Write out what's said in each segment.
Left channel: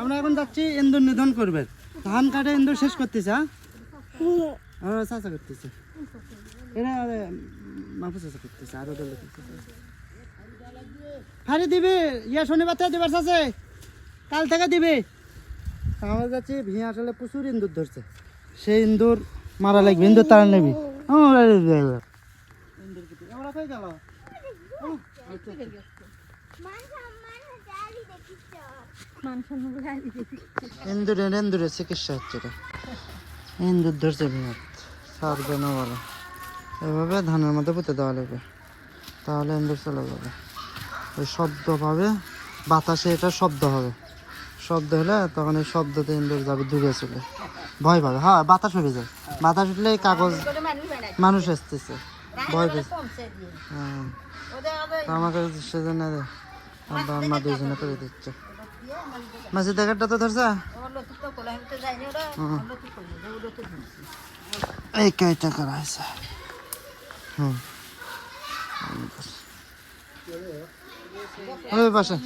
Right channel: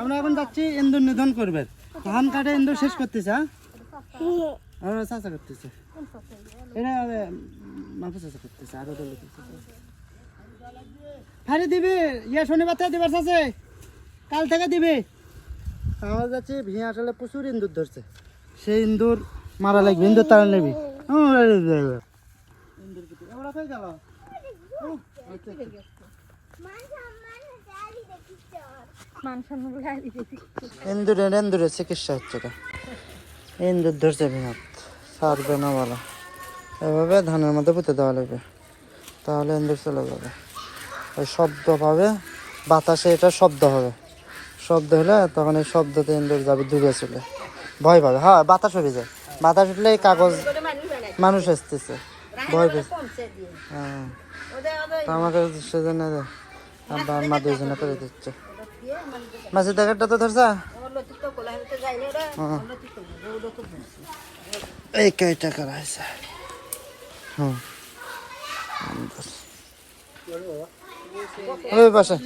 আমরা এখন যাচ্ছি ইন্দুর নিধন করবে, ধান কাটে ইন্দুর শেষ করতেছে। হ্যাঁ চাষা করতেছে, এরা মাফু চাষা করতেছে। আরো দল ফারি দিবি, ইয়া শনিবার থেকে দিবার আছে, কাল থেকে দিবি। আমরা যাচ্ছি, ভিয়া আসলে প্রচুর ইন্দুর ধরছে, সেই ইন্দুর মারা লাগবে, ইন্দুর তারা নেবি। ইন্দুরের চিকিৎসা হচ্ছে, ইন্দুর ধরছে ভিঙাত, সারবে না বলা। এভাবে ধানের মধ্যে পুঁতে দেওয়া লাগবে, তাহলে ইন্দুর চলে যাবে। ওই শব্দ পাবে, বাতাসে এটা শব্দ হবে, শব্দ হলে তখন এই শব্দতে ইন্দুর যাবে, দূরে চলে ভয় পাবে। হ্যাঁ বাতাস হয়ে যায়, বাতাস উঠলে কাগজ মানুষ আসতেছে, ভয় পেয়েছে। হ্যাঁ আমাকে সেজন্য মা দুজনে করে দিচ্ছে। মাছের দেখারটা তো ধরছা, এই কয়টা করা হয়েছে। ওই পাশে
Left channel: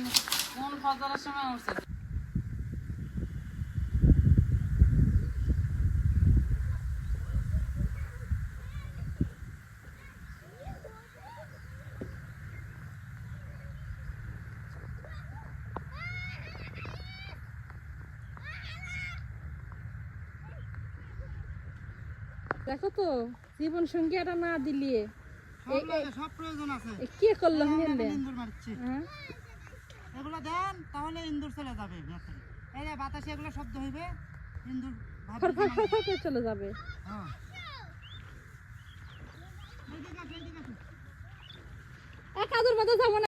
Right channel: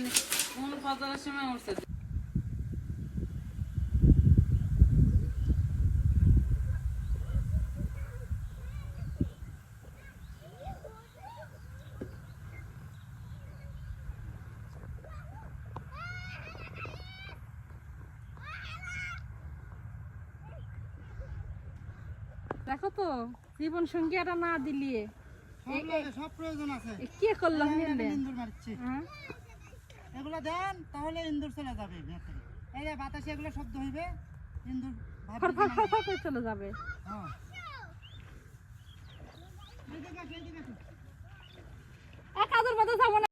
দেখো তো, জীবন সঙ্গী এটা না দিলে সব প্রয়োজন আছে। কি করলাম? ইন্দুর মারছি, এগুলো দেন তাহলে ইন্দুর চলে যাবে। এই যে বাতাসে এগুলো শব্দ হইবে, ইন্দুর চলে যাবে। হ্যাঁ এক কাজের মতো যাবো না।